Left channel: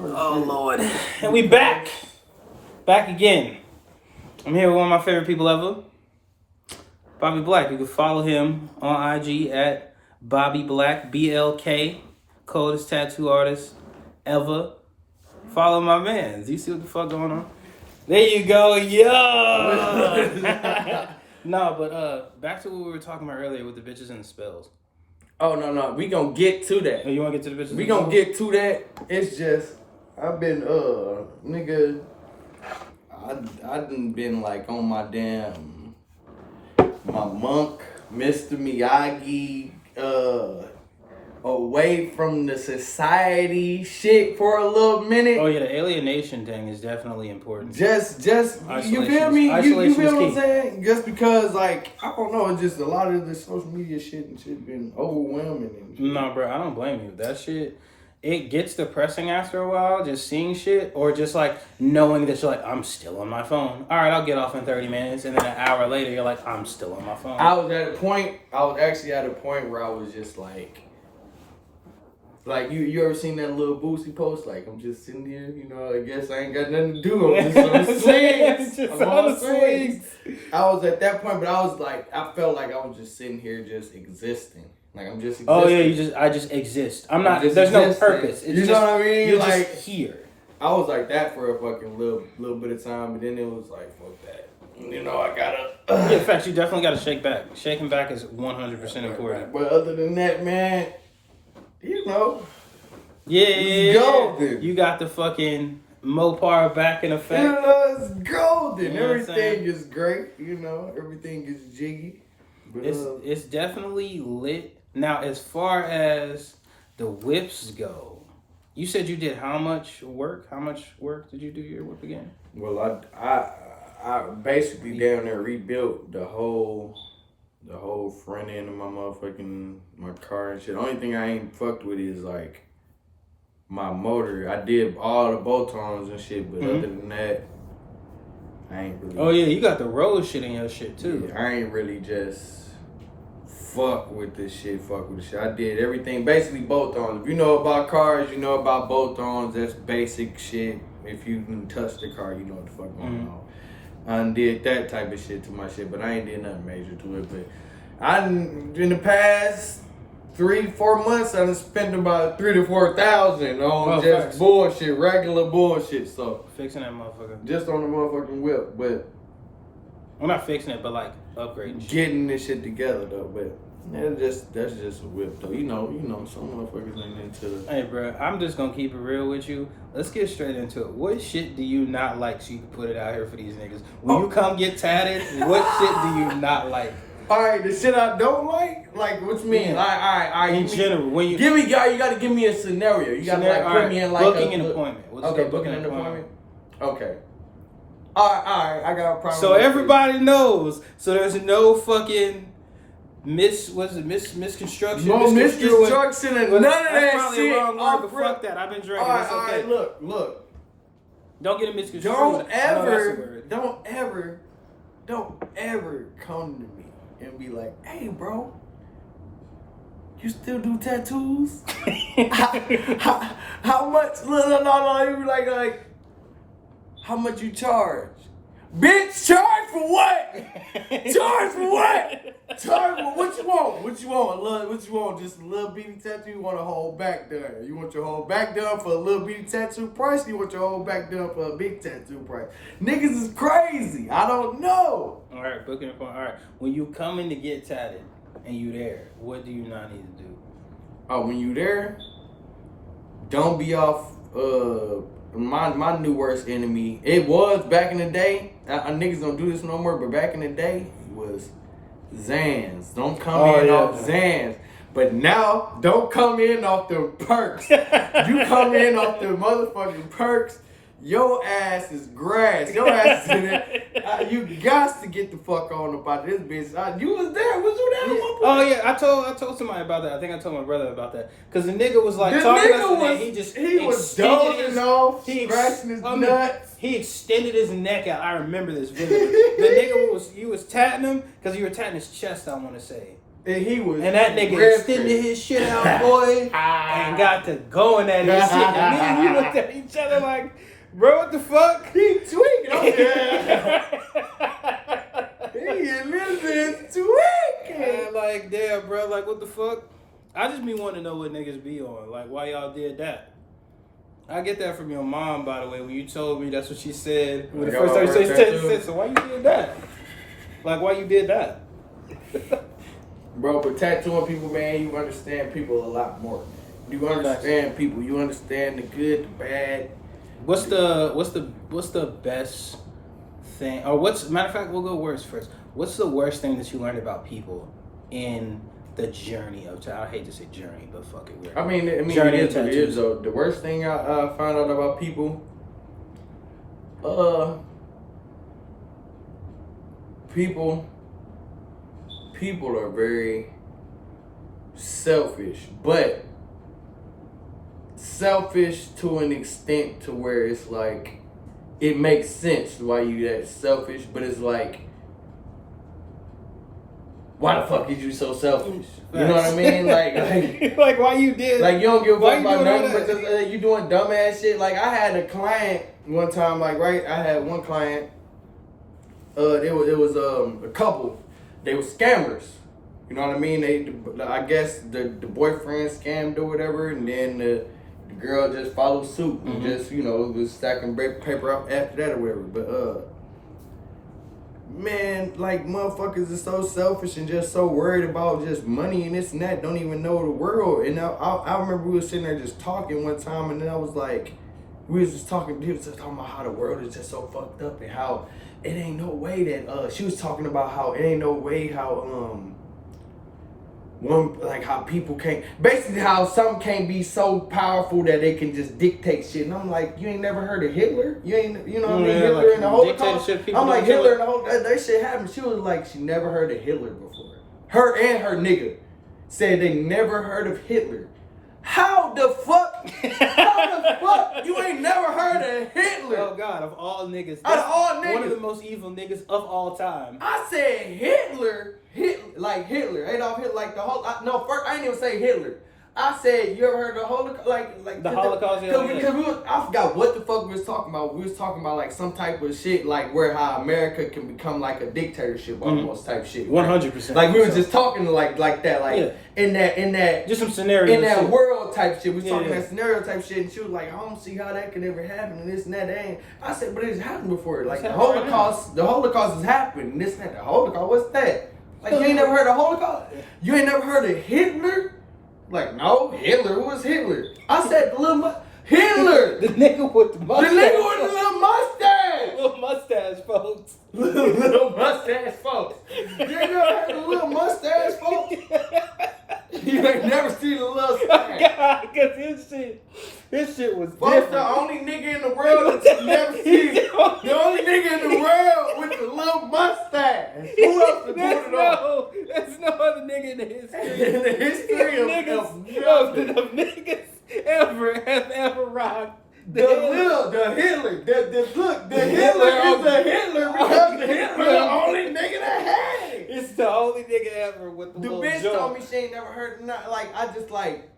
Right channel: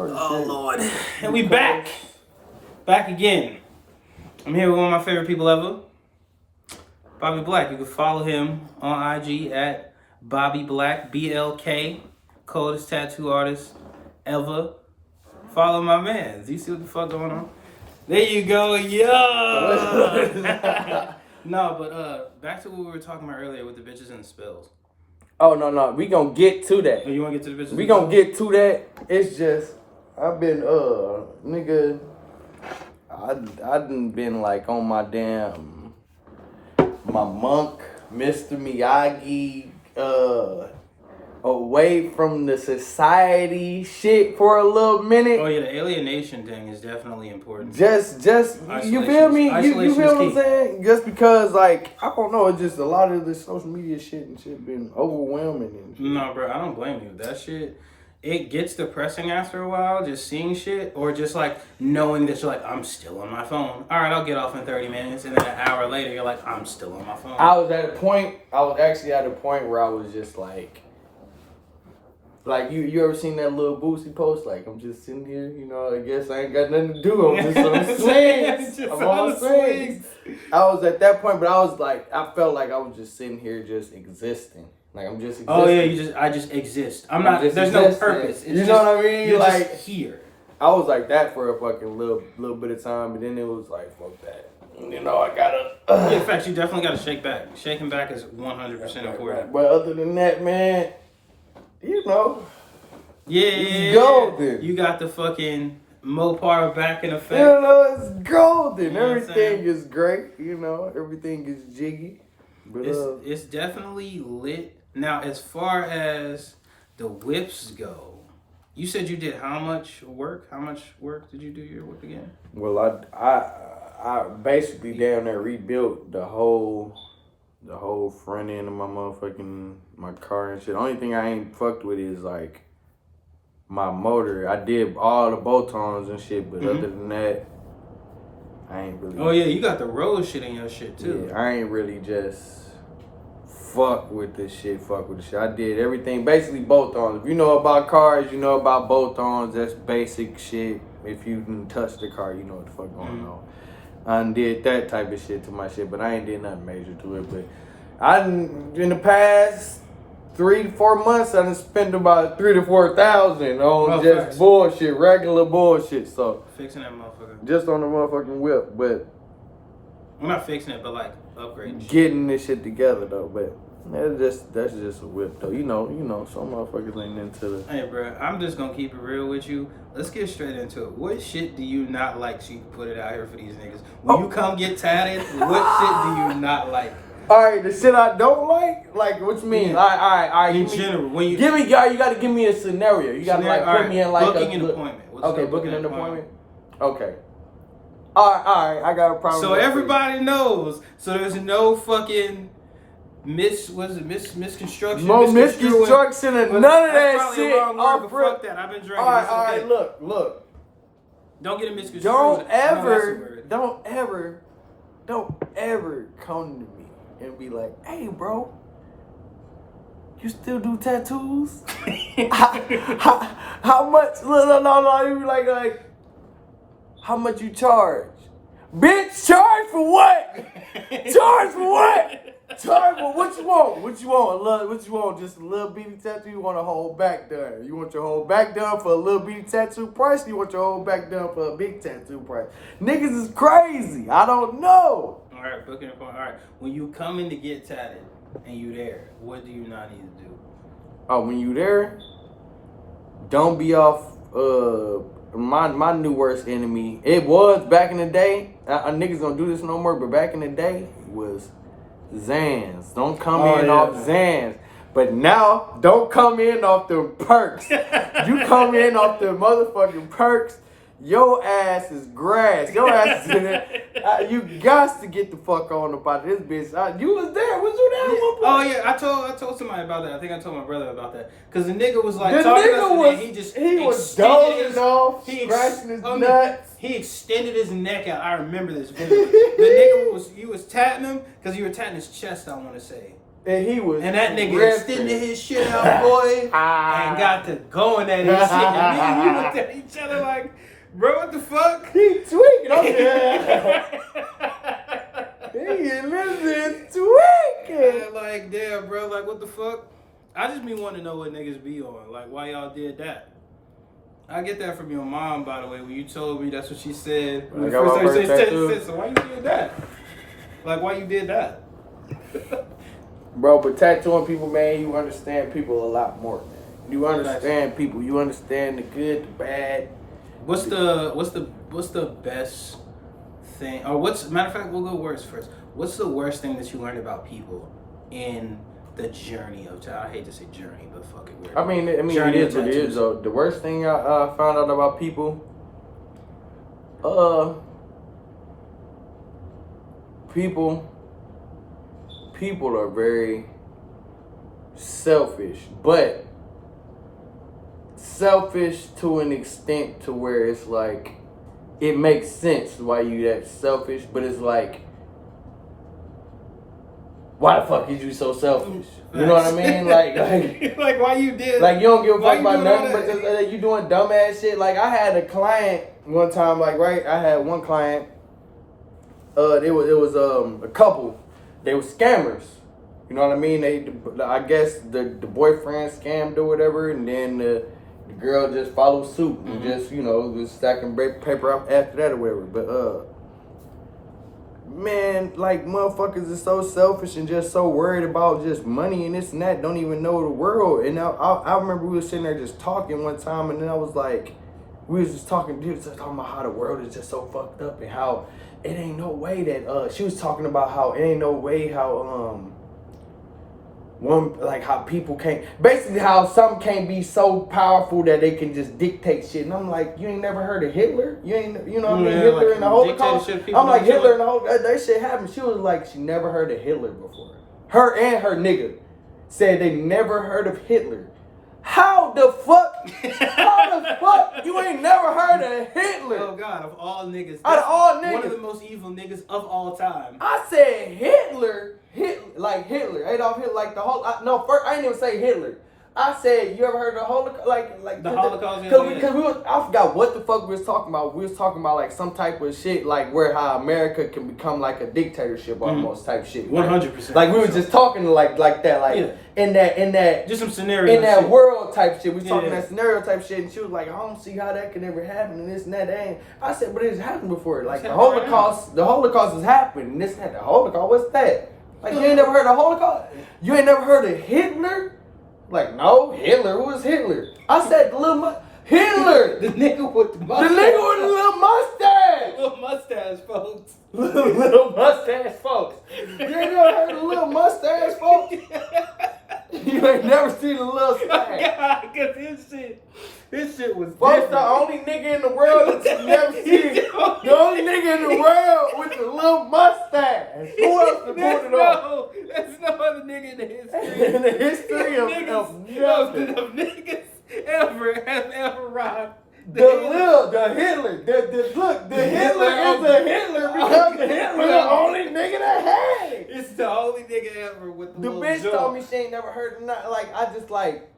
Oh, Lord. And we back. Back again. I'm here with one of my favorite people ever, Bobby Black. You can follow him on IG at Bobby Black, BLK, coldest tattoo artist ever. Follow my man. Do you see what the fuck going on? There you go. Yo! No, but back to what we were talking about earlier with the bitches and the spells. Oh, no. We gonna get to that. Oh, you want to get to the bitches? We gonna get to that. It's just, I've been, nigga, I done been like on my damn, my monk, Mr. Miyagi, away from the society shit for a little minute. Oh yeah, the alienation thing is definitely important. Just you feel me? You feel what I'm saying? Just because, like, I don't know, it's just a lot of the social media shit and shit been overwhelming. And shit. No, bro, I don't blame you. That shit, it gets depressing after a while, just seeing shit, or just like knowing that you're like, I'm still on my phone. All right, I'll get off in 30 minutes, and then an hour later, you're like, I'm still on my phone. I was actually at a point where I was just like you ever seen that little Boosie post? Like, I'm just sitting here, you know, I guess I ain't got nothing to do. I'm just on swings. I'm on swings. I was at that point, but I was like, I felt like I was just sitting here just existing. Like, I'm just existing. Oh, yeah, I just exist. I'm not, there's existing. No purpose. It's you know what I mean? You're like, just here. I was like that for a fucking little bit of time, but then it was like, fuck that. You know, I gotta... Yeah, in fact, you definitely gotta shake back. Shaking back is 100% important. But other than that, man... You know, yeah, golden. You got the fucking Mopar back in effect. You know, it's golden. You know everything is great. You know, everything is jiggy. But, it's definitely lit. Now, as far as the whips go, you said you did how much work? How much work did you do your whip again? Well, I basically down there rebuilt the whole front end of my car and shit. The only thing I ain't fucked with is like my motor. I did all the bolt-ons and shit, but other than that, I ain't really. Oh yeah, you got the road shit in your shit too. Yeah, I ain't really just fuck with this shit. I did everything, basically bolt-ons. If you know about cars, you know about bolt-ons. That's basic shit. If you can touch the car, you know what the fuck going on. I did that type of shit to my shit, but I ain't did nothing major to it. But in the past 3-4 months, I done spent about $3,000 to $4,000 on just bullshit, regular bullshit. So fixing that motherfucker, just on the motherfucking whip. But I'm not fixing it, but like upgrading, getting this shit together though. But that's just a whip though. You know, some motherfuckers ain't into the. Hey, bro, I'm just gonna keep it real with you. Let's get straight into it. What shit do you not like so you can put it out here for these niggas? When you come get tatted, what shit do you not like? All right, the shit I don't like what you mean? All right. In general, when you give me, y'all, you got to give me a scenario. You got to like put me in like booking an appointment. Okay, booking an appointment. Okay. All right. I got a problem. So everybody knows. So there's no fucking misconstruction. No misconstruction and none of that shit. Wrong word, but fuck that. I've been drinking. All right. Look. Don't get a misconstruction. Don't ever come to me and be like, hey, bro, you still do tattoos? how much? No. You be like, how much you charge? Bitch, charge for what? Charge for what? Charge for what you want? What you want? Just a little bitty tattoo? You want a whole back done? You want your whole back done for a little bitty tattoo price? You want your whole back done for a big tattoo price? Niggas is crazy. I don't know. All right, booking appointment. All right, when you come in to get tatted and you there, what do you not need to do? Oh, when you there, don't be off. My new worst enemy. It was back in the day. Niggas don't do this no more, but back in the day was Zans. Don't come off Zans. But now, don't come in off the perks. You come in off the motherfucking perks. Your ass is grass. Your ass is in there. You got to get the fuck on about this bitch. You was there. Was you there at one point? Oh yeah, I told somebody about that. I think I told my brother about that. Cause the nigga was like the talking nigga was, he was dozing off, scratching his nuts. He extended his neck out. I remember this vividly. The nigga was tatting him because you were tatting his chest. I want to say. And he was. And that nigga ripping. extended his shit out, boy, and got to going at his shit. And me and you looked at each other like, bro, what the fuck? He tweaking. I'm there. He is living tweaking. And like, damn, bro, like, what the fuck? I just be wanting to know what niggas be on. Like, why y'all did that? I get that from your mom, by the way, when you told me that's what she said. When the first time she said, so why you did that? Like, why you did that? Bro, but tattooing people, man, you understand people a lot more, man. You understand people. You understand the good, the bad. What's the best thing, or matter of fact, we'll go worse first. What's the worst thing that you learned about people in the journey of I hate to say journey, but fuck it. I mean, it is what it is, though. The worst thing I found out about people, people are very selfish, but selfish to an extent to where it's like, it makes sense why you that selfish, but it's like, why the fuck is you so selfish? You know what I mean? Like like why you did? Like you don't give a fuck about nothing, that? but just, you doing dumbass shit. Like I had a client one time, like right, I had one client. It was a couple. They were scammers. You know what I mean? I guess the boyfriend scammed or whatever, and then the girl just followed suit and just was stacking paper up after that or whatever. But man, like motherfuckers is so selfish and just so worried about just money and this and that, don't even know the world. And I remember we were sitting there just talking one time, and then I was like, we was just talking about how the world is just so fucked up and how it ain't no way that she was talking about how it ain't no way how how people can't, basically how some can't be so powerful that they can just dictate shit. And I'm like, you ain't never heard of Hitler? You know what I mean? Hitler like and the Holocaust? I'm like, Hitler and the Holocaust, that shit happened. She was like, she never heard of Hitler before. Her and her nigga said they never heard of Hitler. How the fuck you ain't never heard of Hitler? Oh God, of all niggas. Out of all niggas. One of the most evil niggas of all time. I said Hitler, like Hitler, Adolf Hitler, like the whole. First I didn't even say Hitler. I said, you ever heard of the Holocaust? Like the Holocaust? Because I forgot what the fuck we was talking about. We was talking about like some type of shit, like how America can become like a dictatorship almost type shit. 100%. Like we was just talking like that, like in that just some scenarios in that shit. World type shit. We was talking that scenario type shit, and she was like, I don't see how that could ever happen and this and that. Ain't. I said, but it's happened before. Like the Holocaust has happened. And this and that. The Holocaust, what's that? Like you ain't never heard of Holocaust? You ain't never heard of Hitler? Like, no, Hitler. Who is Hitler? I said the little Hitler. The nigga with the mustache. The nigga with the little mustache. Little mustache, folks. Little mustache, folks. You ain't never heard of the little mustache, folks? You ain't never seen the little stash. God, because his shit was folks, the only nigga in the world that you never seen. The only nigga in the world with the little mustache. Who else to pull it off? There's no other nigga in the history. In the history of niggas have ever rocked the Hitler. The Hitler is the Hitler because the Hitler the only nigga that had it. It's the only nigga ever with the little bitch joke. Told me she ain't never heard of nothing. Like I just like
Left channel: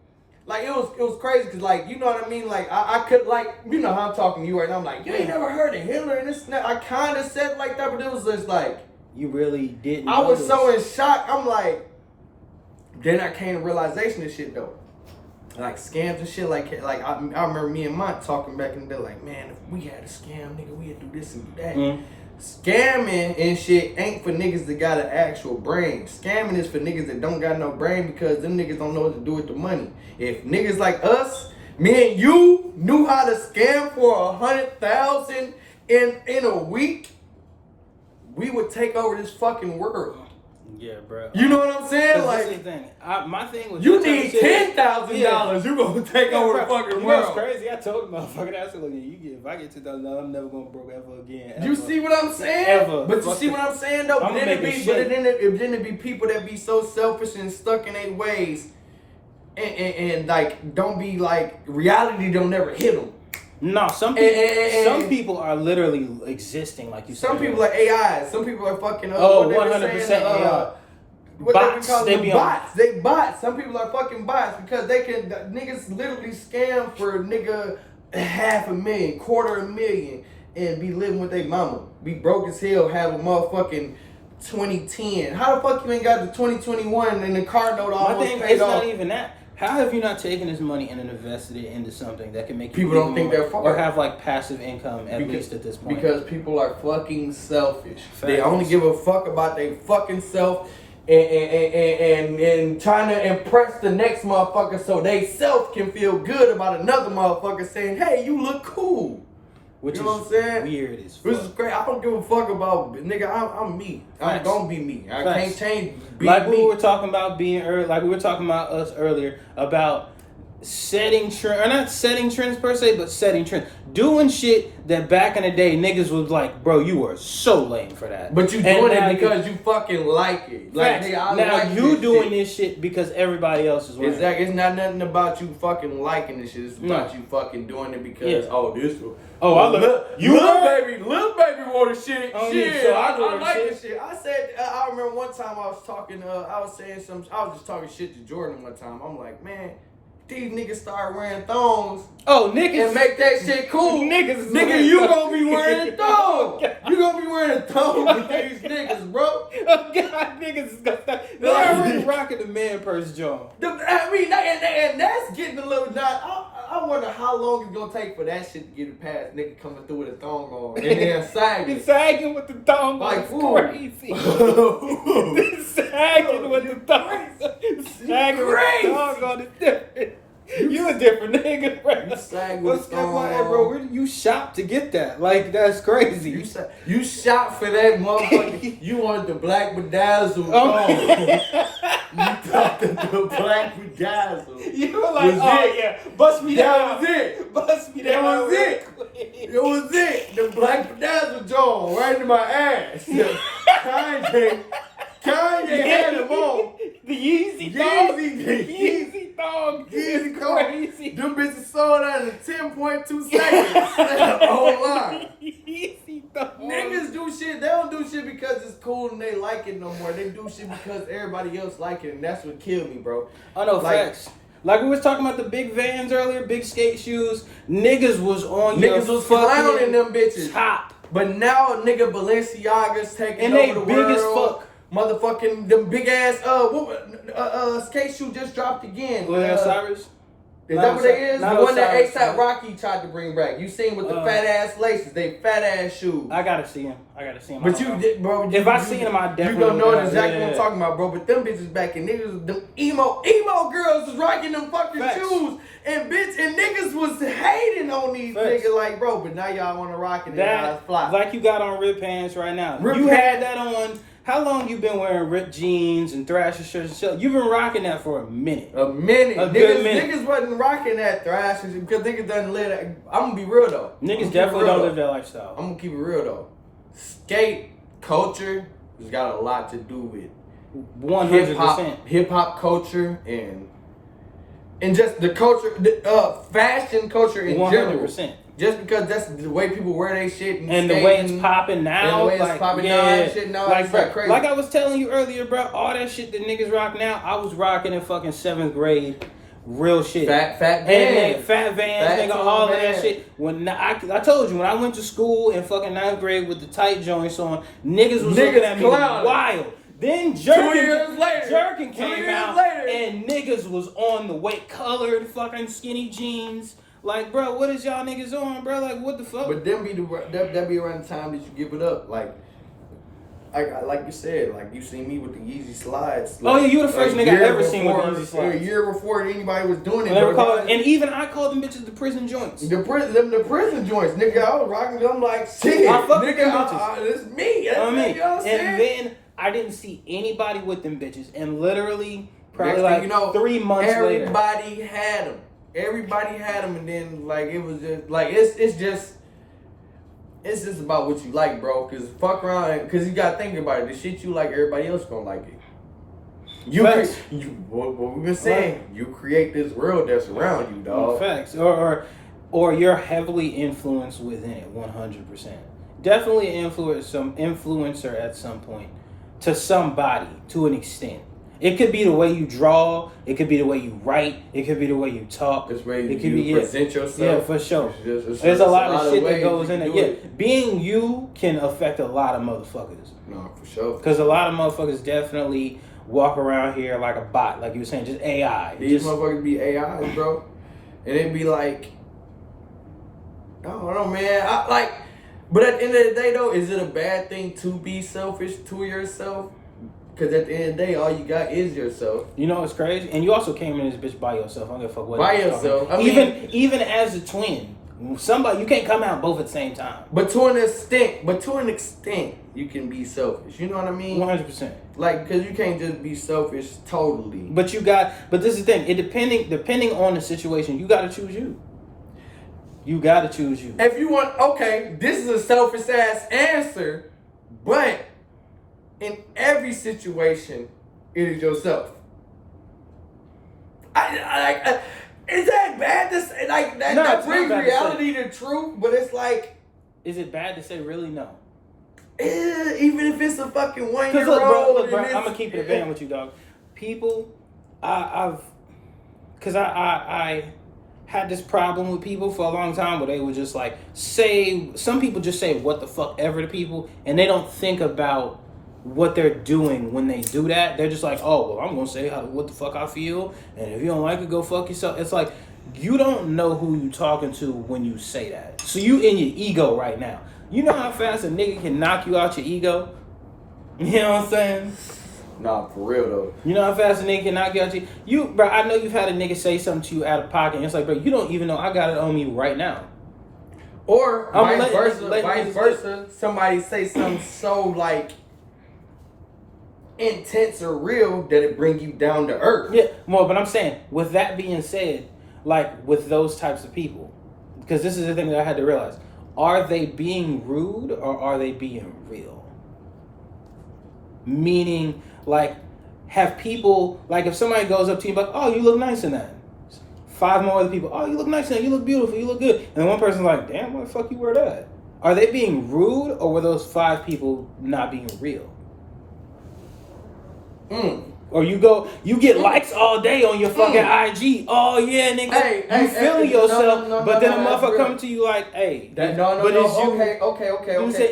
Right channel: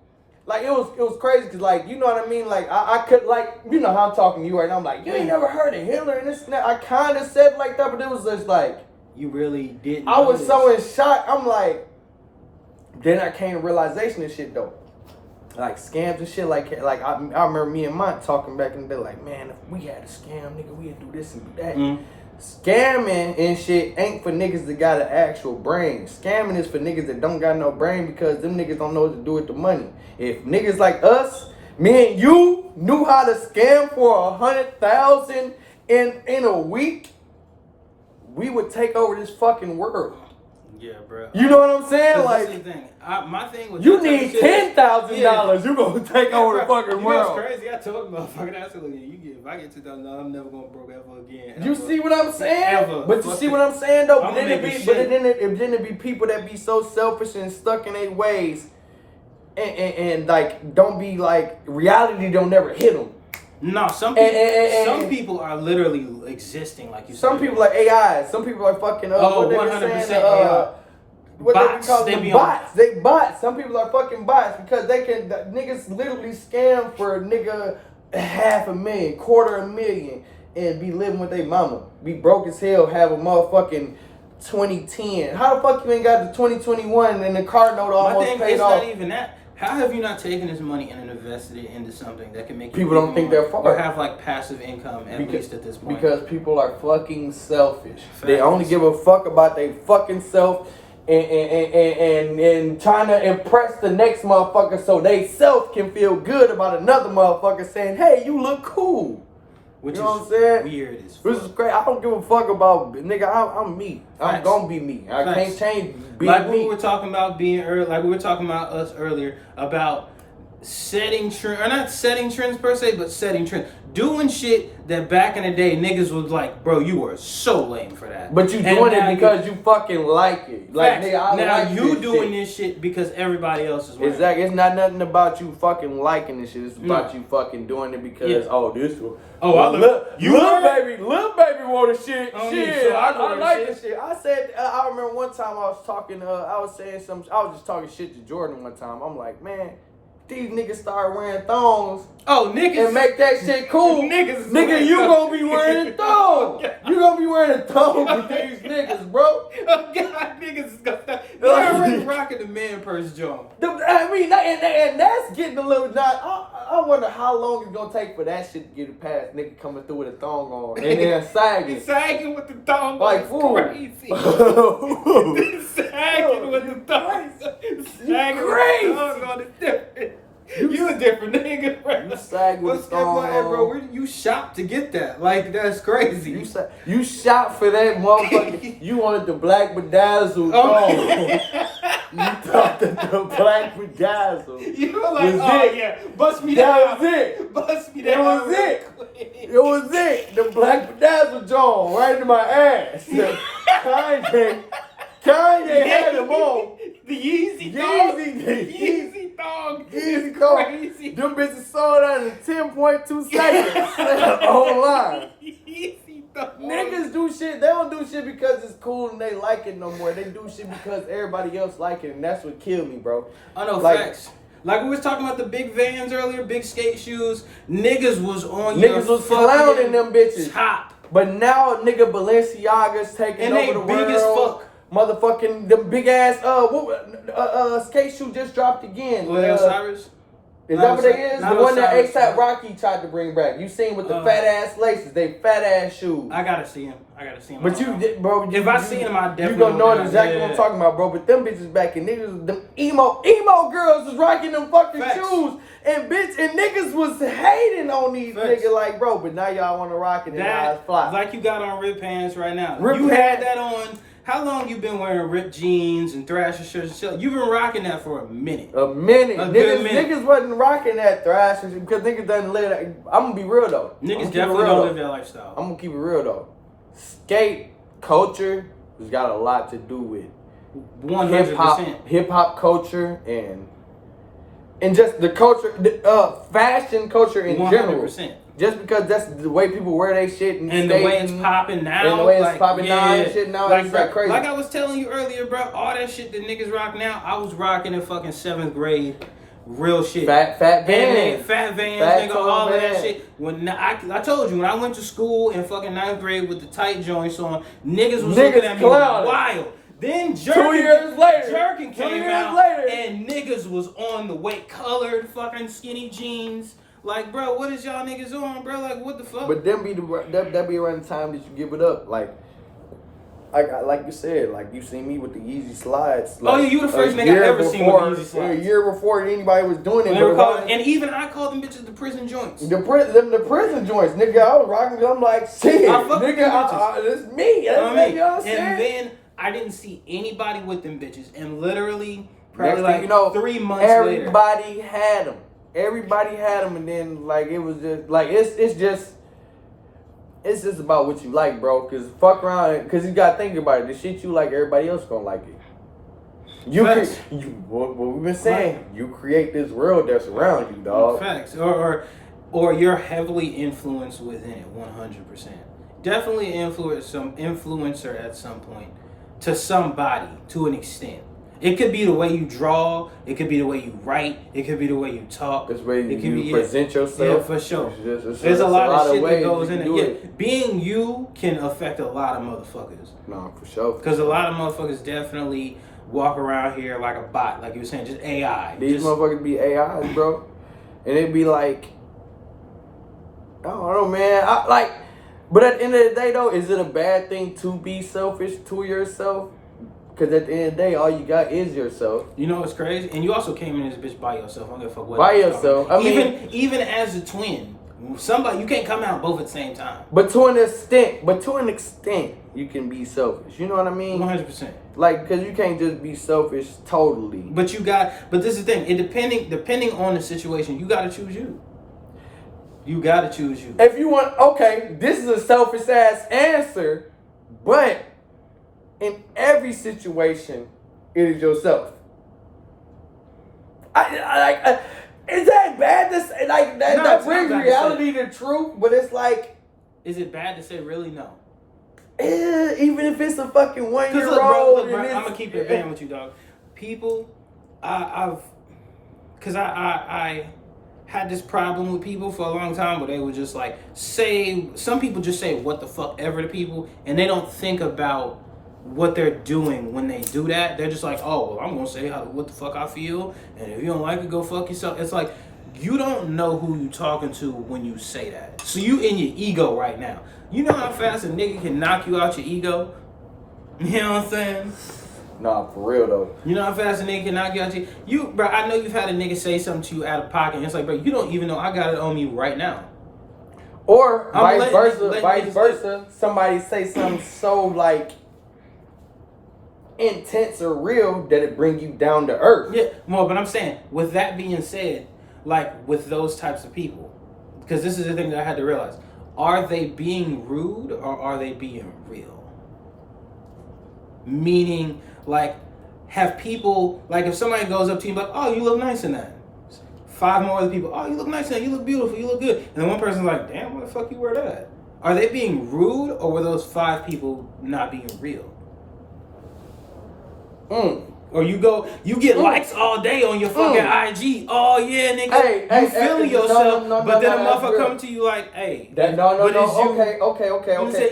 it was crazy because like you know what I mean. Like I could like you know how I'm talking to you right now. I'm like you ain't never heard of Hitler and this and that. I kind of said like that, but it was just like you really didn't. I was so in shock. I'm like, then I came to realization of shit though. Like scams and shit, like I remember me and Mont talking back in the day, like, man, if we had a scam, nigga, we'd do this and do that. Mm-hmm. Scamming and shit ain't for niggas that got an actual brain. Scamming is for niggas that don't got no brain because them niggas don't know what to do with the money. If niggas like us, me and you, knew how to scam for 100,000 in a week, we would take over this fucking world. Yeah, bro. You know what I'm saying? Like, this is the thing. My thing was you need $10,000. You gonna take over the fucking world. That's crazy. I told the motherfucker, I said, if I get $2,000, I'm never gonna broke ever again. Ever. You see what I'm saying? Ever. But you see what I'm saying though? But then it be people that be so selfish and stuck in their ways, and like don't be like reality don't never hit them. No, some people, some people are literally existing like you said. Some people like AI. Some people are fucking. 100% AI. what bots. they call They them be bots. They bots. Some people are fucking bots because they can niggas literally scam for a nigga $500,000, $250,000, and be living with their mama. Be broke as hell, have a motherfucking 2010. How the fuck you ain't got the 2021 and the car note almost paid it's off? not even that. How have you not taken this money and invested it into something that can make People don't think they're far. or have like passive income at least at this point? Because people are fucking selfish. Facts. They only give a fuck about their fucking self and trying to impress the next motherfucker so they self can feel good about another motherfucker saying, hey, you look cool. Which you know is what I'm saying? weird as fuck. Which is great. I don't give a fuck about nigga. I'm me. I'm Facts. gonna be me. I Facts. can't change. Like me. we were talking about like we were talking about us earlier about setting trend, or not setting trends per se, but setting trends, doing shit that back in the day niggas was like, bro, you are so lame for that. But you And doing now it because you fucking like it. Like, facts. hey, I now like you this doing shit. this shit because everybody else is wearing it. Exactly. It's not nothing about you fucking liking this shit. It's about you fucking doing it because this one. Oh, I look. Little baby wore the shit. Oh, shit. yeah, so I I like shit. this shit. I said. I remember one time I was talking. I was saying some. I was just talking shit to Jordan one time. I'm like, man, these niggas start wearing thongs. Oh, niggas. And make that shit cool. Nigga, you gonna be wearing a thong. You gonna be wearing a thong with these niggas, bro. Oh God, niggas is gonna stop. They're already rocking the man purse, John. I mean, and that's getting a little not. I wonder how long it's gonna take for that shit to get past nigga coming through with a thong on and then sagging. Sagging with the thong like on is crazy. Sagging with the thong. Sagging with the thong on is different. You a different nigga, bro. You sag with the thong Hey, bro, where you shop to get that? Like, that's crazy. You shot for that motherfucker. You wanted the black bedazzled thong. You thought that the black bedazzled. You were like, yeah, bust me down. That was it. Bust me down. That was it. It was it. The black bedazzled John right in my ass. Kanye had him on. The Yeezy thong. Yeezy Crazy. Them bitches sold out in 10.2 seconds online. Yeezy thong. Niggas do shit. They don't do shit because it's cool and they like it no more. They do shit because everybody else like it, and that's what killed me, bro. I know, facts. Like we was talking about the big Vans earlier, big skate shoes. Niggas was on Niggas was clowning them bitches. Top. But now nigga Balenciaga's taking And over they the big world. as fuck. Motherfucking them big ass skate shoe just dropped again. Osiris? Is that what it is? The one that Osiris. ASAP Rocky tried to bring back. You seen with the fat ass laces? They fat ass shoes. I gotta see him. But bro, if I see him, I definitely you gonna know know exactly what I'm talking about, bro. But them bitches back in niggas, them emo girls was rocking them fucking shoes, and niggas was hating on these niggas like, bro. But now y'all want to rock it and y'all fly. Like you got on ripped pants right now. Ripped you pants. had that on. How long you been wearing ripped jeans and Thrasher shirts and shit? You've been rocking that for a minute. A minute. Good minute. Niggas wasn't rocking that Thrasher because niggas doesn't live that. I'm gonna be real though. Niggas definitely don't live that lifestyle. I'm gonna keep it real though. Skate culture has got a lot to do with 100%. Hip hop culture and just the culture, fashion culture in 100%. general. Just because that's the way people wear their shit and the way it's popping now. And the way it's popping now and shit now. Like, it's like crazy. Like I was telling you earlier, bro, all that shit that niggas rock now, I was rocking in fucking 7th grade. Real shit. Fat Vans. Fat Vans, nigga, all of that shit. When I told you, when I went to school in fucking 9th grade with the tight joints on, niggas was looking at me wild. Then Jerkin came out, and niggas was on the white colored fucking skinny jeans. Like, bro, what is y'all niggas on, bro? Like, what the fuck? But that be around the time that you give it up. Like you said, like you seen me with the Yeezy slides. Like, oh yeah, you the first nigga I ever seen with the Yeezy slides. A year before anybody was doing it. And even I called them bitches the prison joints. The prison joints, nigga. I was rocking them like shit. Nigga, it's me. You know what I'm saying? And then I didn't see anybody with them bitches, and literally probably 3 months later, everybody had them. Everybody had them, and then like it was just like it's just about what you like, bro. Cause fuck around, cause you gotta think about it. The shit you like, everybody else gonna like it. What we've been saying, you create this world that's around you, dog. Facts, or you're heavily influenced within it, 100%. Definitely some influencer at some point, to somebody, to an extent. It could be the way you draw. It could be the way you write. It could be the way you talk. This way it you be, present yourself. Yeah, for sure. There's a lot of shit ways that goes in it. Yeah, it. being you can affect a lot of motherfuckers. No, for sure. Because a lot of motherfuckers definitely walk around here like a bot, like you were saying, just AI. These motherfuckers be AIs, bro, and it be like, I don't know, man. But at the end of the day, though, is it a bad thing to be selfish to yourself? Because at the end of the day, all you got is yourself. You know what's crazy? And you also came in this bitch by yourself. I don't give a fuck what. By yourself. I mean, even as a twin, somebody you can't come out both at the same time. But to an extent, you can be selfish. You know what I mean? 100%. Like, because you can't just be selfish totally. But this is the thing. It depending on the situation, you got to choose you. You got to choose you. If you want, okay, this is a selfish ass answer, but in every situation, it is yourself. Is that bad to say? Like that brings reality to truth, but it's like, is it bad to say really? No. Even if it's a fucking 1-year-old. Look, bro, I'm gonna keep it a band with you, dog. People, I had this problem with people for a long time where they would just like some people just say what the fuck ever to people, and they don't think about what they're doing when they do that. They're just like, oh, well, I'm gonna say what the fuck I feel, and if you don't like it, go fuck yourself. It's like, you don't know who you talking to when you say that. So you in your ego right now. You know how fast a nigga can knock you out your ego? You know what I'm saying? Nah, for real though. You know how fast a nigga can knock you out you, bro, I know you've had a nigga say something to you out of pocket, and it's like, bro, you don't even know I got it on me right now. Or vice versa, somebody say something so like intense or real that it bring you down to earth. Yeah, well, but I'm saying, with that being said, like with those types of people, because this is the thing that I had to realize, are they being rude or are they being real? Meaning, like, have people, like if somebody goes up to you like, oh, you look nice in that. 5 more other people, oh, you look nice in that, you look beautiful, you look good. And then one person's like, damn, why the fuck you wear that? Are they being rude or were those 5 people not being real? Or you get likes all day on your fucking IG. Oh yeah, nigga, you feeling yourself, but then a motherfucker come to you like, hey, okay.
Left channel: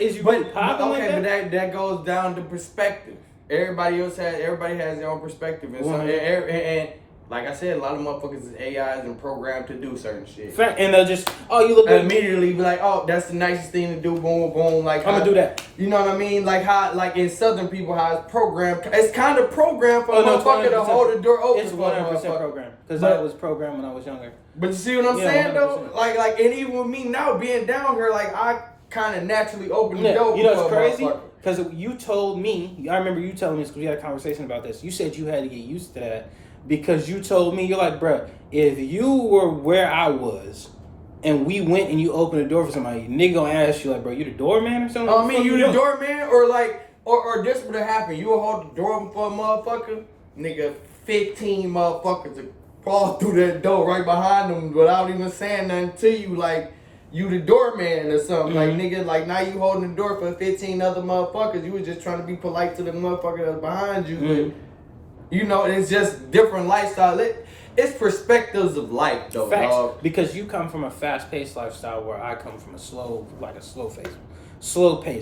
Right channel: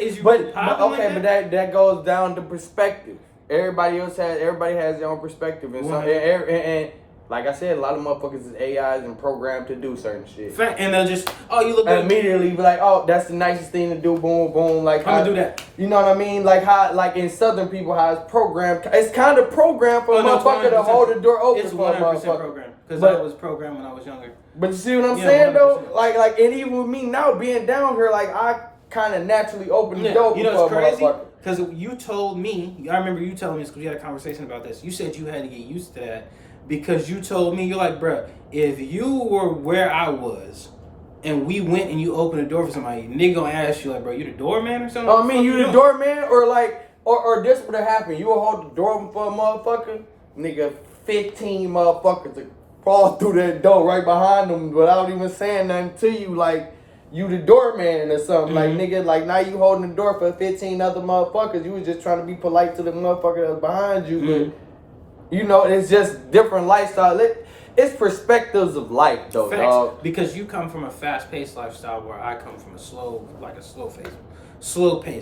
Is you really popping like that? But that goes down to perspective. Everybody has their own perspective, and and like I said, a lot of motherfuckers is AIs and programmed to do certain shit. And they'll just, oh, you look good. Immediately be like, oh, that's the nicest thing to do. Boom, boom. Like, I'm gonna do that. You know what I mean? Like how, like in Southern people, how it's programmed. It's kind of programmed for a motherfucker to hold the door open. It's 100% programmed because I was programmed when I was younger. But you see what I'm saying 100%. Though? Like, and even with me now being down here, like I kind of naturally open the door. You know what's crazy? Because you told me, I remember you telling me this because we had a conversation about this. You said you had to get used to that. Because you told me, you're like, bruh, if you were where I was and we went and you opened the door for somebody, nigga gonna ask you like, bro, you the doorman or something? I mean, you the doorman or like, or this would have happened. You will hold the door open for a motherfucker, nigga, 15 motherfuckers to fall through that door right behind them without even saying nothing to you. Like, you the doorman or something. Like, nigga, like now you holding the door for 15 other motherfuckers. You was just trying to be polite to the motherfucker that's behind you. But, you know, it's just different lifestyle. It's perspectives of life, though, dog. Because you come from a fast-paced lifestyle, where I come from a slow-paced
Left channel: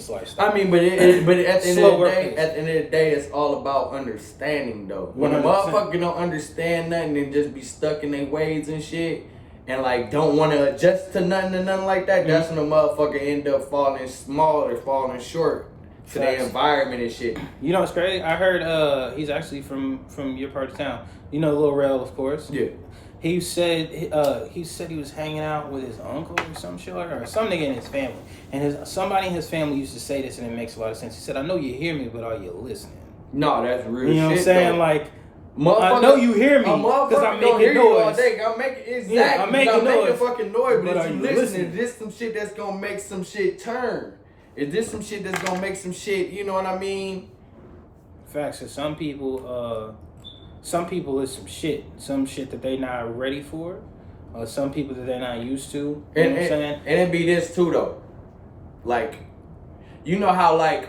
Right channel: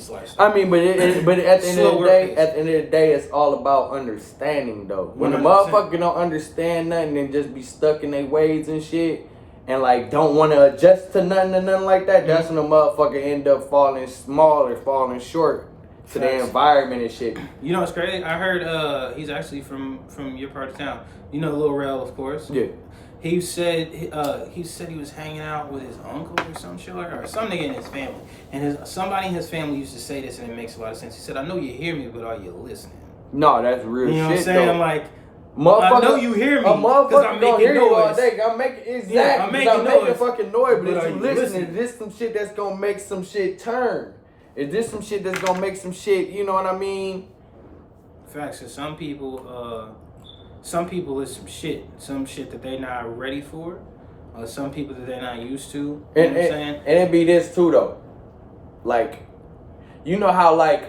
lifestyle. I mean, but at the end of the day, it's all about understanding, though. When a motherfucker don't understand nothing and just be stuck in their ways and shit, and like don't want to adjust to nothing like that, that's when a motherfucker end up falling small or falling short to the environment and shit. You know what's crazy? I heard he's actually from your part of town. You know Lil Rel, of course. Yeah. He said he was hanging out with his uncle or some shit, or some nigga in his family. And somebody in his family used to say this, and it makes a lot of sense. He said, I know you hear me, but are you listening? No, that's real shit. You know what I'm saying? Though. Like, I know you hear me because I'm making noise. I'm making fucking noise, but if you listening, this some shit that's gonna make some shit turn. Is this some shit that's gonna make some shit, you know what I mean? Facts. So some people is some shit that they not ready for, or some people that they're not used to. You know what I'm saying? And it be this too though. Like, you know how like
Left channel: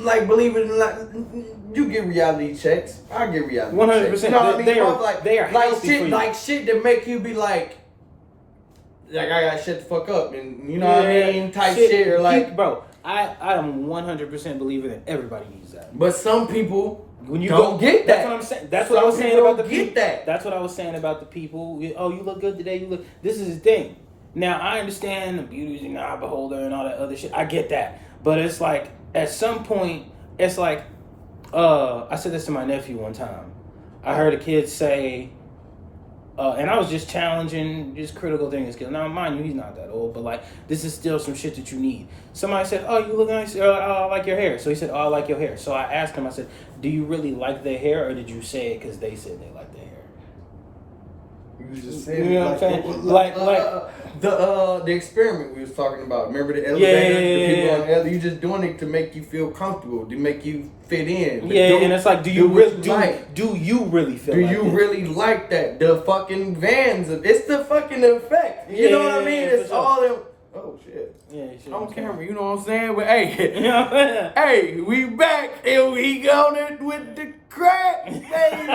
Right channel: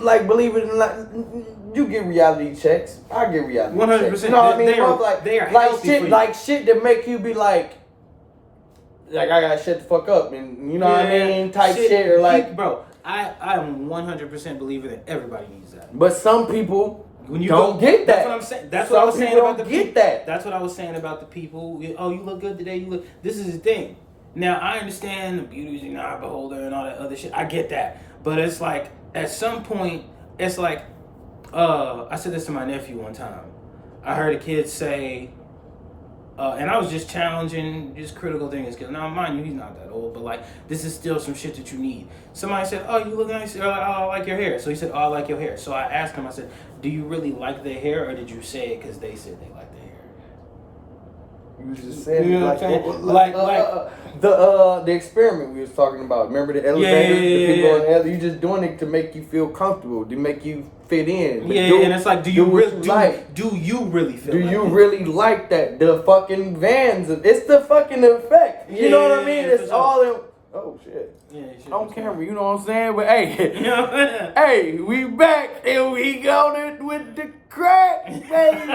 like, believe it or not, you get reality checks. I get reality 100%. checks. You know what I mean? They are like healthy for you. like shit that make you be like I gotta shut the fuck up, and you know what I mean? Type shit or like, bro. I am 100% believer that everybody needs that. But some people when you don't get that. That's what I'm saying. That's what I was saying about the people. That. That's what I was saying about the people. Oh, you look good today. You look. This is the thing. Now I understand the beauty's in the eye beholder and all that other shit. I get that, but it's like at some point, it's like, I said this to my nephew one time. I heard a kid say, and I was just challenging just critical things. Cause now, mind you, he's not that old, but like this is still some shit that you need. Somebody said, "Oh, you look nice. Oh, I like your hair." So he said, "Oh, I like your hair." So I asked him. I said, "Do you really like their hair, or did you say it because they said they like their hair?" You just said you know like, what I'm saying? The experiment we was talking about. Remember the elevator? The people on the elevator. You just doing it to make you feel comfortable, to make you fit in. And it's like, do you really feel? Do you really like that? The fucking vans. It's the fucking effect. You know what I mean? It's all in. Oh shit. Yeah, on camera, you know what I'm saying? But hey, hey, we back and we got it with the crack, baby.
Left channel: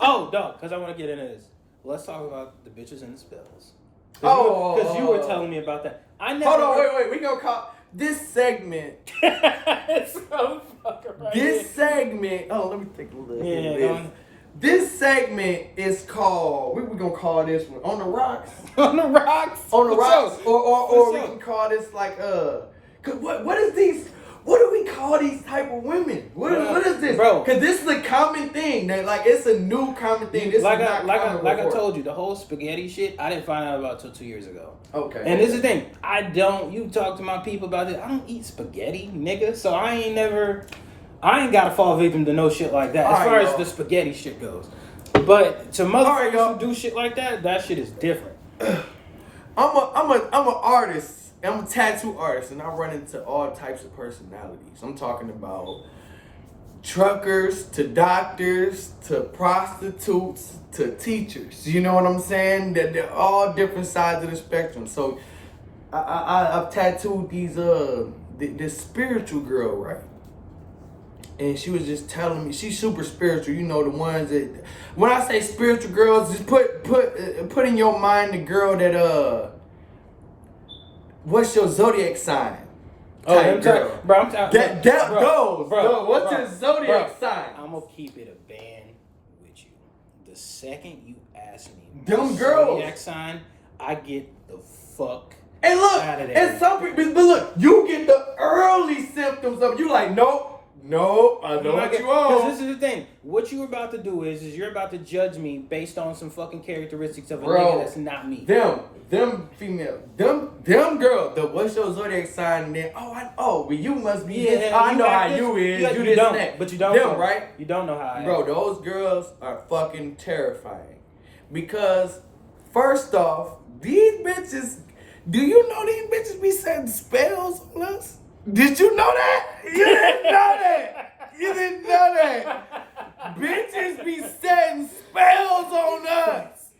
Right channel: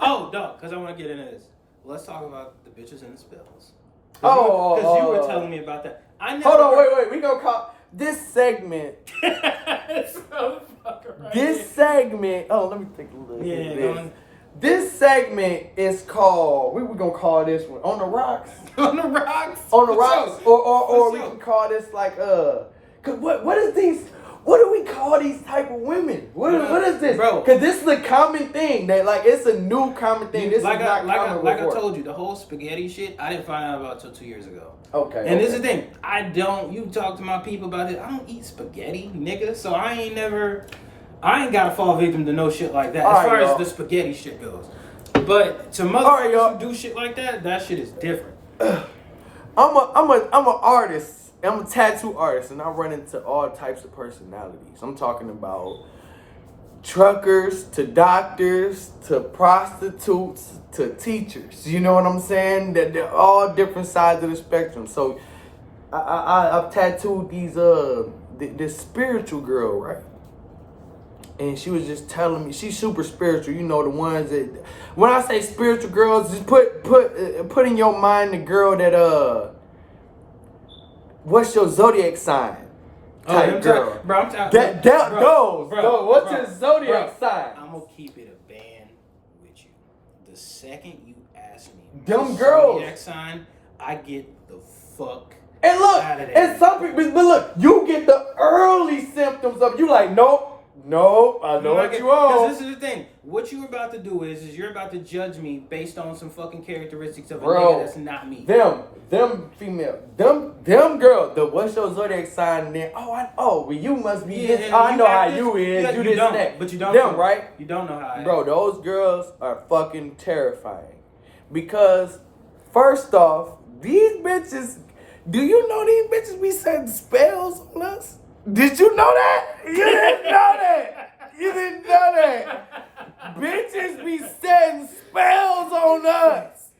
Oh, dog, because I want to get into this. Let's talk about the bitches and the spills. Because you were telling me about that. Hold on, wait. We gonna call this segment. Segment. Oh, let me take a look. Yeah. This segment is called. We gonna call this one on the rocks. On the rocks. On the rocks. Or we can call this like Cause what is these? What do we call these type of women? What is this? Bro. Because this is a common thing. That like it's a new common thing. This like is not common I told you, the whole spaghetti shit, I didn't find out about till 2 years ago. Okay. And this is the thing. You talk to my people about this. I don't eat spaghetti, nigga. So I ain't got to fall victim to no shit like that. As far as the spaghetti shit goes. But to motherfuckers who do shit like that, that shit is different. I'm an artist. I'm a tattoo artist, and I run into all types of personalities. I'm talking about truckers to doctors to prostitutes to teachers. You know what I'm saying? They're all different sides of the spectrum. So I've tattooed this spiritual girl, right? And she was just telling me she's super spiritual. You know, the ones that when I say spiritual girls, just put in your mind the girl that what's your zodiac sign? Bro, what's your zodiac sign? I'm gonna keep it a band with you. The second you ask me them girls zodiac sign, I get the fuck and look, out of there. and some people, but look, you get the early symptoms of you like, nope, I know what you on. Because this is the thing. What you're about to do is you're about to judge me based on some fucking characteristics of a nigga that's not me. Them female, them girl. What's your zodiac sign? Then well, you must be. Yeah, I know how you is. You this and that. But you don't. Them right? You don't know how I am. Bro, those girls are fucking terrifying. Because first off, these bitches. Do you know these bitches be setting spells on us? Did you know that? You didn't know that. You didn't know that. Bitches be setting spells on us.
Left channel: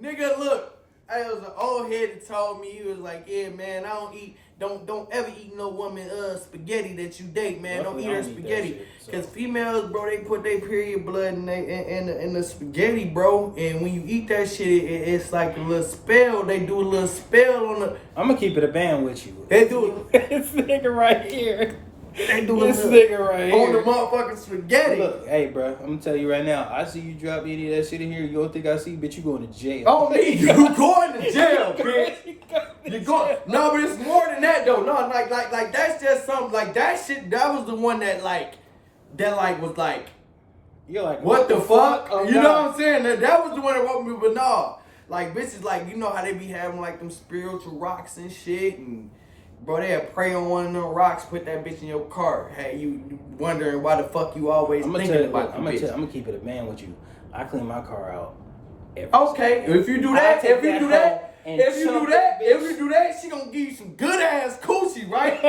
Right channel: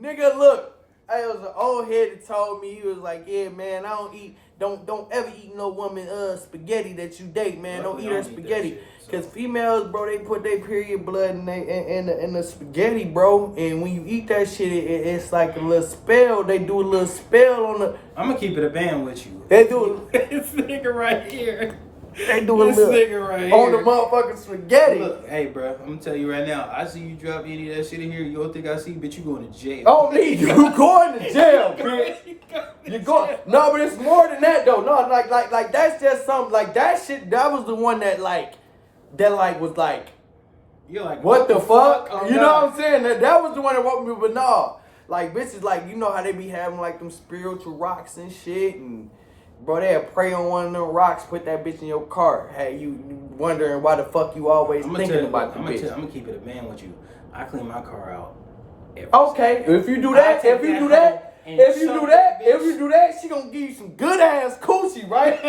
Nigga, look. It was an old head that told me, he was like, yeah, man, don't ever eat no woman spaghetti that you date, man. Don't eat her spaghetti. Because females, bro, they put their period blood in the spaghetti, bro. And when you eat that shit, it's like a little spell. They do a little spell on the... I'm going to keep it a band with you. They do... This nigga right here. They do this nigga right here. On the motherfucking spaghetti. Look, hey, bro, I'm going to tell you right now. I see you drop any of that shit in here. You don't think I see? Bitch, you going to jail. Oh, me? You going to jail, bitch. You going... No, but it's more than that, though. No, like that's just something... Like, that shit, that was the one that was like... You're like, what the fuck? Oh, you know what I'm saying? That was the one that woke me, but no. Like, bitches, like, you know how they be having, like, them spiritual rocks and shit, and... Bro, they'll pray on one of them rocks, put that bitch in your car. Hey, you wondering why the fuck you always thinking about the bitch. I'm gonna keep it a band with you. I clean my car out. Okay, if you do that, if you do that, she gonna give you some good ass coochie, right?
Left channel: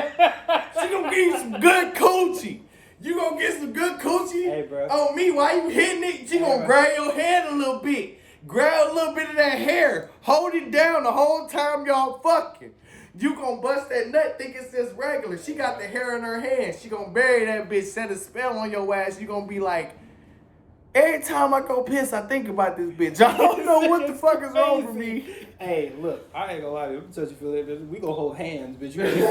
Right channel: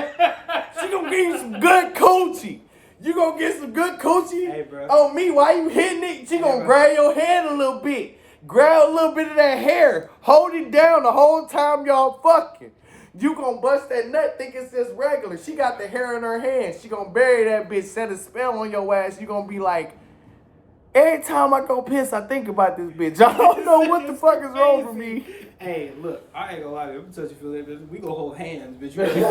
She gonna give you some good coochie. You gonna get some good coochie? Hey, bro. On me, why you hitting it? She gonna grab your hand a little bit. Grab a little bit of that hair. Hold it down the whole time y'all fucking. You gonna bust that nut, think it's just regular. She got the hair in her hand. She gonna bury that bitch, set a spell on your ass. You gonna be like, every time I go piss, I think about this bitch. I don't know what the fuck is wrong with me. Hey, look, I ain't gonna lie to you. I'm touch you for that bitch. We gonna hold hands, bitch. You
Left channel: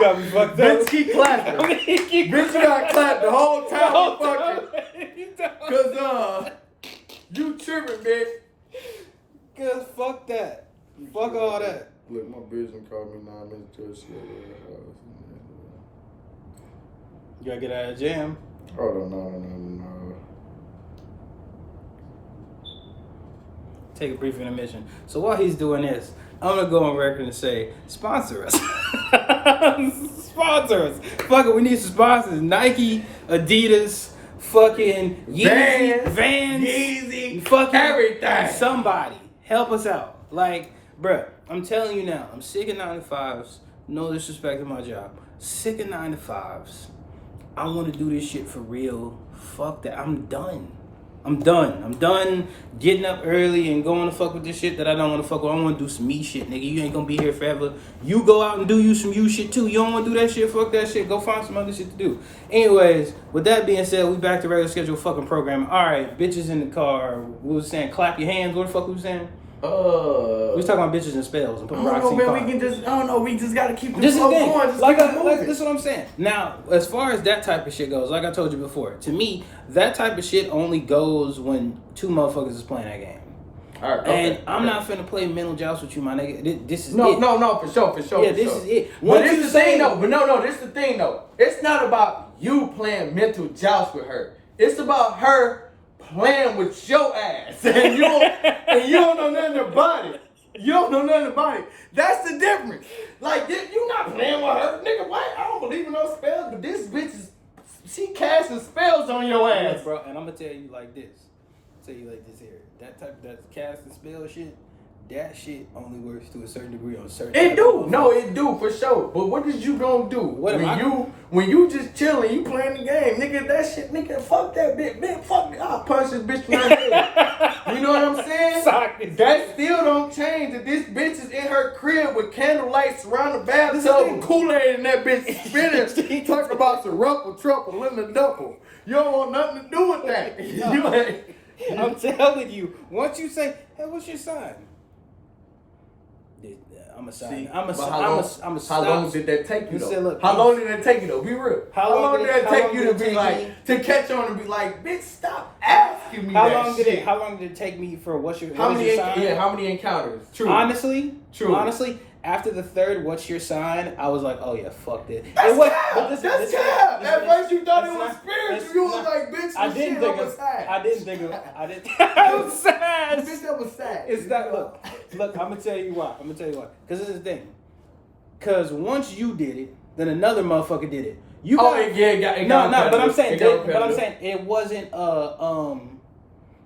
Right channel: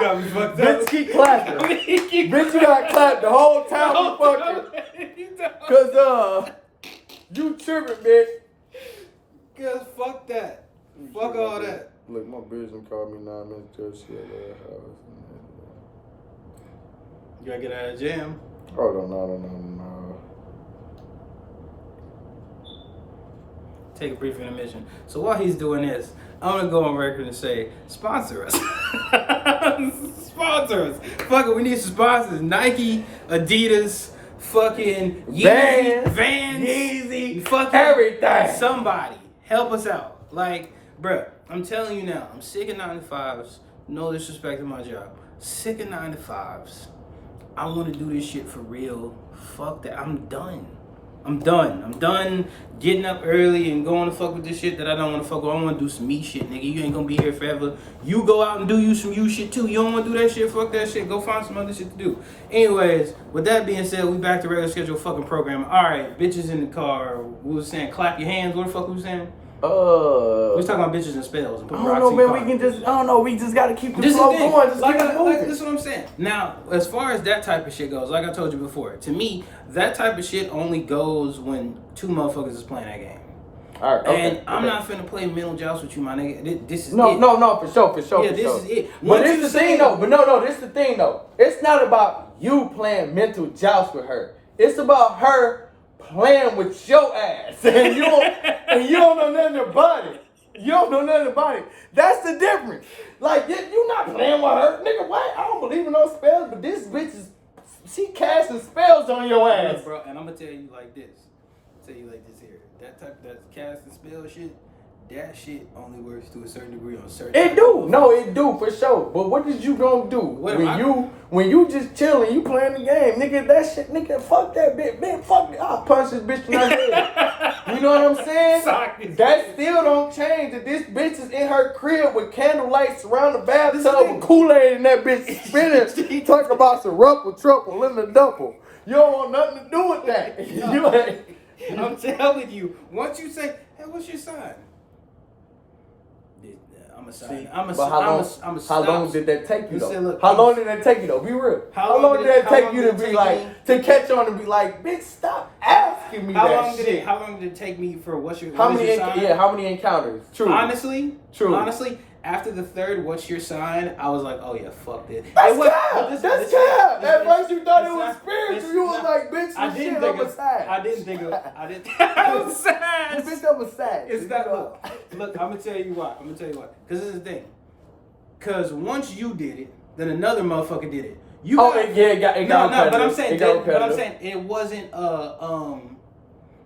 got me fucked up. Bitch, keep clapping. Bitch, you got clapped the whole time we fucking. Cause, you tripping, bitch. Cause fuck that. Fuck all that. Look, my bitch done called me 9 minutes to shit at her house. You gotta get out of the jam. Hold on, no. Take a brief intermission. So while he's doing this, I'm gonna go on record and say, sponsor us. Sponsor us. Fuck it, we need some sponsors. Nike, Adidas, fucking Yeezy, Vans, Yeezy, fucking everything. Somebody help us out. Like, bruh, I'm telling you now, I'm sick of 9-to-5s. No disrespect to my job. Sick of 9-to-5s. I want to do this shit for real. Fuck that. I'm done getting up early and going to fuck with this shit that I don't want to fuck with. I want to do some me shit, nigga. You ain't gonna be here forever. You go out and do you some you shit too. You don't want to do that shit? Fuck that shit. Go find some other shit to do. Anyways, with that being said, we back to regular schedule fucking programming. All right, bitches in the car. We was saying clap your hands. What the fuck we was saying? We was talking about bitches and spells and putting I don't know, man. We just gotta keep the flow going. Just like, keep it moving. This is what I'm saying. Now, as far as that type of shit goes, like I told you before, to me, that type of shit only goes when two motherfuckers is playing that game. All right, okay, and I'm not finna play mental joust with you, my nigga. This is no, it. No, for sure. Yeah, this is it. But this the thing though. This the thing though. It's not about you playing mental joust with her. It's about her playing with your ass, and you don't know nothing about it. You don't know nothing about it. That's the difference. Like, you not playing with her. Nigga, what? I don't believe in those spells, but this bitch she casting spells on your ass. Bro, and I'm gonna tell you like this. Here. That casting spell shit, that shit only works to a certain degree on certain. It do. No, it do for sure. But what is you gonna do when you just chilling, you playing the game, nigga? That shit, nigga, fuck that bitch, fuck me. I'll punch this bitch in her head. You know what I'm saying? That still don't change that this bitch is in her crib with candlelights around the bathtub with Kool-Aid and that bitch spinning. Talk about some ruffle truffle in the duffel. You don't want nothing to do with that. You ain't. I'm telling you, once you say, "Hey, what's your sign?" I'm a sign. How long did that take you though? Say, look, how long did that take you though? Be real. How long did that take you to be like to catch on and be like, bitch, stop asking me that shit? How long did it take me for what's your sign? How many encounters? True. Honestly, after the third, what's your sign? I was like, oh yeah, fuck this. That's cap. At first you thought it was spiritual. You was like, bitch, I didn't think it was sad. I didn't. It was sad. Bitch, that was sad. It's that look. I'm gonna tell you why. Because this is the thing. Because once you did it, then another motherfucker did it. But I'm saying it wasn't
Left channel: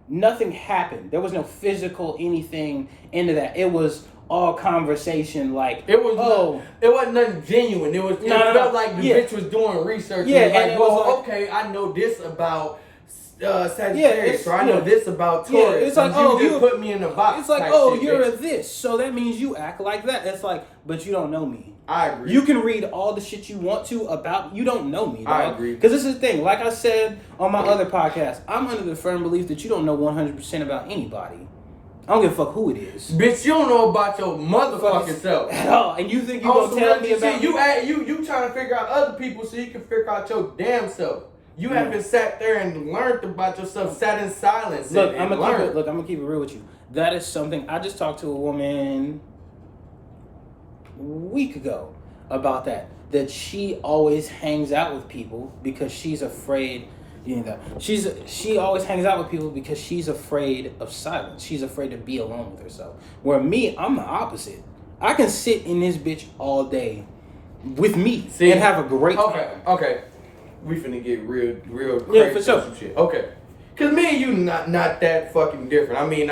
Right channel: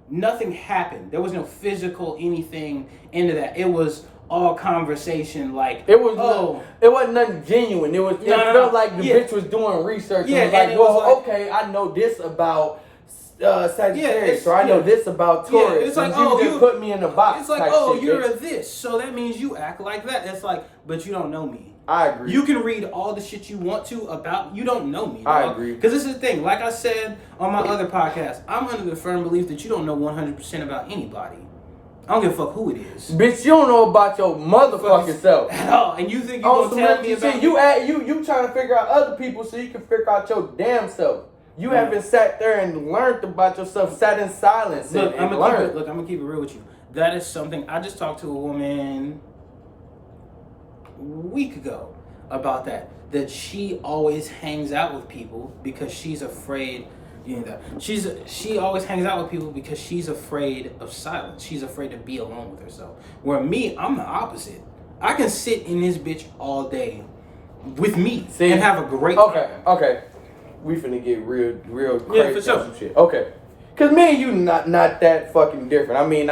nothing happened. There was no physical anything into that. It was all conversation, like it wasn't nothing genuine. It felt like the bitch was doing research. Yeah, and it was like, okay, I know this about Sagittarius, or I know this about Taurus. It's like, you put me in the box. It's like, you're a this, so that means you act like that. It's like, but you don't know me. I agree. You can read all the shit you want to about, you don't know me. I agree. Because this is the thing. Like I said on my other podcast, I'm under the firm belief that you don't know 100% about anybody. I don't give a fuck who it is. Bitch, you don't know about your motherfucking self at all. And you think you gonna tell me about you trying to figure out other people so you can figure out your damn self. You haven't sat there and learned about yourself, sat in silence. I'm gonna keep it real with you. That is something I just talked to a woman a week ago about that she always hangs out with people because she's afraid. She always hangs out with people because she's afraid of silence. She's afraid to be alone with herself. Where me, I'm the opposite. I can sit in this bitch all day with me and have a great time. Okay. We finna get real crazy for sure. Some shit. Okay. Cause me and you not that fucking different. I mean,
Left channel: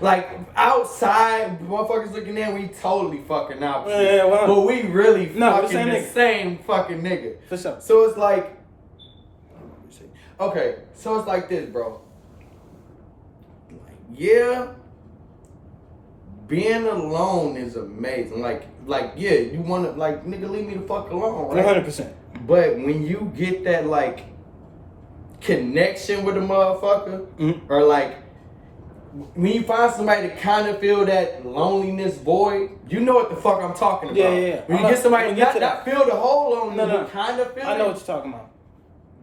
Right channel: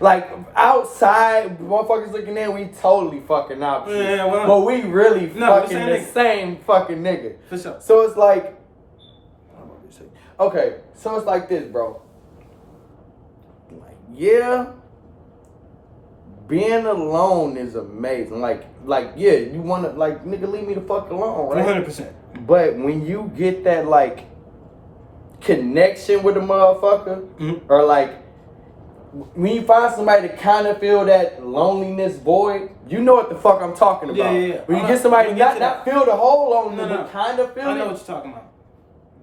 like outside, motherfuckers looking in, we totally fucking opposite. But we really fucking the same fucking nigga. For sure. So it's like, okay, so it's like this, bro. Like, yeah, being alone is amazing. Like yeah, you wanna like nigga leave me the fuck alone, right? 100%. But when you get that like connection with a motherfucker, or like when you find somebody to kind of feel that loneliness void, you know what the fuck I'm talking about. Yeah. When you get somebody not feel the whole loneliness, but kind of feel I know it, what you're talking about.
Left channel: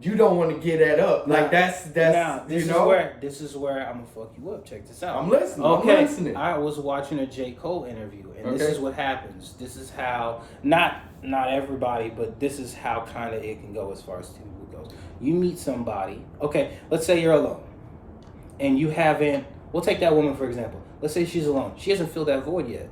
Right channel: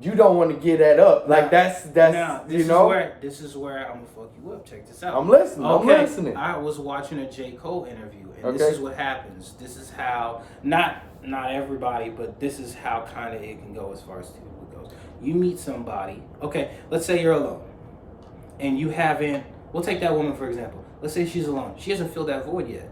you don't want to get that up. Like that's now, you know. This is where I'm gonna fuck you up. Check this out. I'm listening. Okay. I'm listening. I was watching a J. Cole interview, and Okay. this is what happens. This is how not everybody, but this is how kind of it can go as far as it goes. You meet somebody. Okay, let's say you're alone, and you haven't. We'll take that woman for example. Let's say she's alone. She hasn't filled that void yet.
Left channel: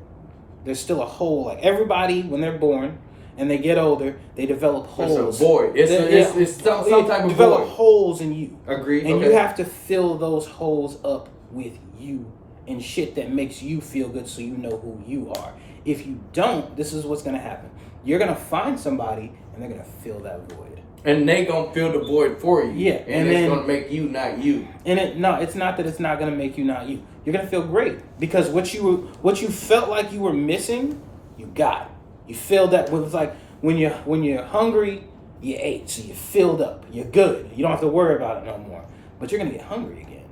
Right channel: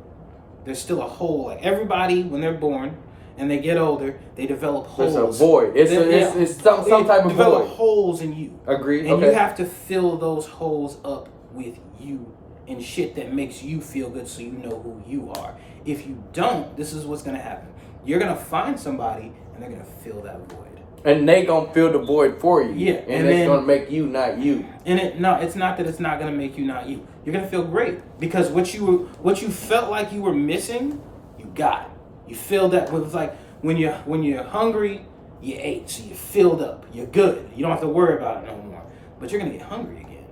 There's still a hole. Like everybody, when they're born and they get older, they develop holes. It's a void. It's some type of develop void. holes in you. Agreed. And okay. you have to fill those holes up with you and shit that makes you feel good, so you know who you are. If you don't, this is what's gonna happen. You're gonna find somebody and they're gonna fill that void. And they gonna fill the void for you. Yeah, and it's gonna make you not you. And it's not that it's not gonna make you not you. You're gonna feel great because what you felt like you were missing, you got it. You filled that with like when you're hungry, you ate, so you filled up. You're good. You don't have to worry about it no more. But you're gonna get hungry again.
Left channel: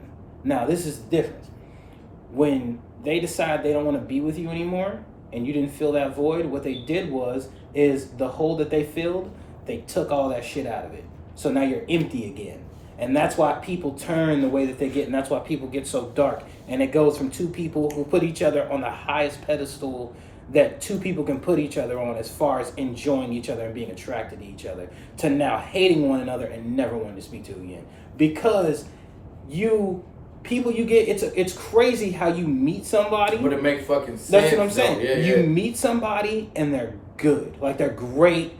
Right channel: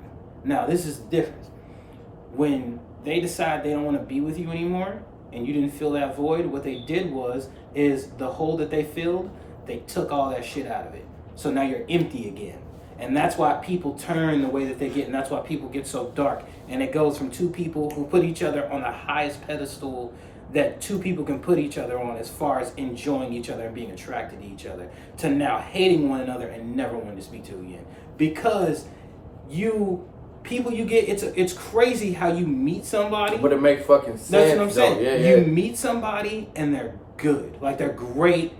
Now this is the difference. When they decide they don't want to be with you anymore, and you didn't fill that void, what they did is the hole that they filled. They took all that shit out of it. So now you're empty again. And that's why people turn the way that they get, and that's why people get so dark. And it goes from two people who put each other on the highest pedestal that two people can put each other on as far as enjoying each other and being attracted to each other, to now hating one another and never wanting to speak to again. Because it's crazy how you meet somebody. But it makes fucking sense. That's what I'm saying. Yeah. You meet somebody and they're good. Like they're great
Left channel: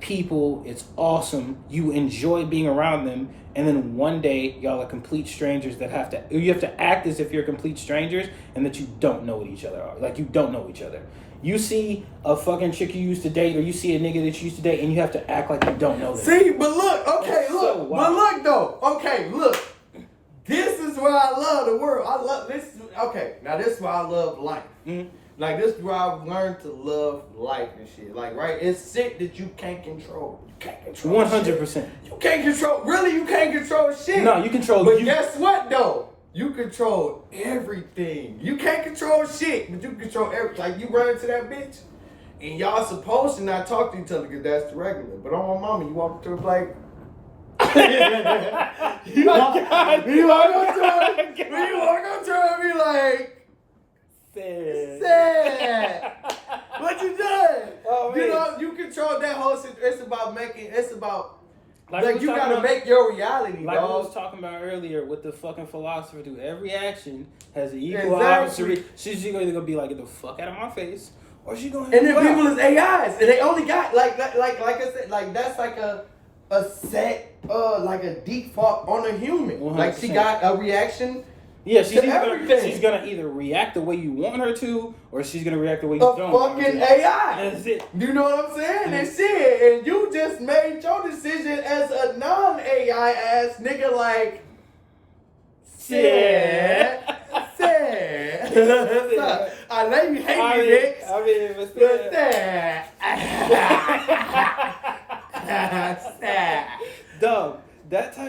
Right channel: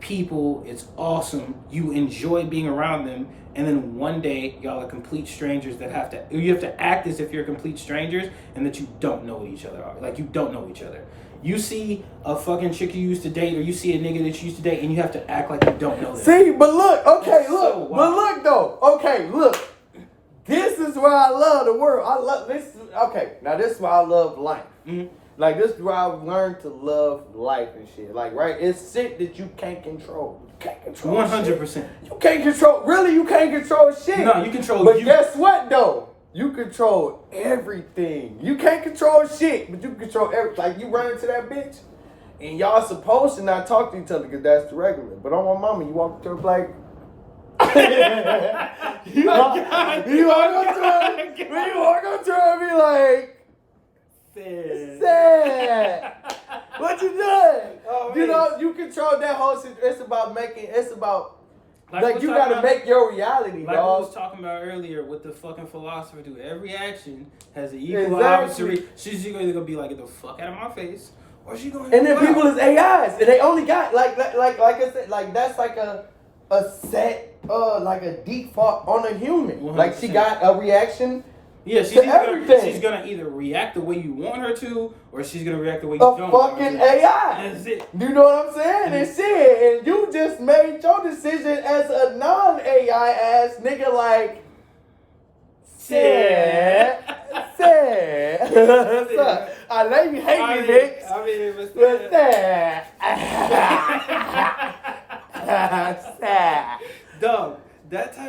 people. It's awesome. You enjoy being around them. And then one day y'all are complete strangers that you have to act as if you're complete strangers and that you don't know what each other are. Like you don't know each other. You see a fucking chick you used to date, or you see a nigga that you used to date, and you have to act like you don't know them. See, but look, okay, It's look, so but wild. look though, okay, look. This is why I love the world. I love this. Okay, now this is why I love life. Mm-hmm. Like this is where I've learned to love life and shit. Like right, it's shit that you can't control. You can't control. 100%. You can't control. Really, you can't control shit. No, you control. But you. guess what though? You control everything. You can't control shit, but you can control everything. Like you run into that bitch, and y'all supposed to not talk to each other because that's the regular. But on my mama, you walk up to her like. you walk up to her and be like, sad. What you doing? Oh, you man. know, you control that whole situation. It's about Like you gotta make your reality, like dog. we was talking about earlier with the fucking philosopher dude. Every action has an equal Exactly. opposite. She's either gonna be like, get the fuck out of my face, or she gonna. And then people is AIs, and they only got like I said, like that's like a set like a default on a human. 100%. Like she got a reaction. Yeah, she's gonna either react the way you want her to, or she's gonna react the way you A don't want her fucking to. AI. That's it. You know what I'm saying? And shit, and you just made your decision as a non-AI ass nigga, like sad. I know you hate me, Nick. But sad. Dog, that type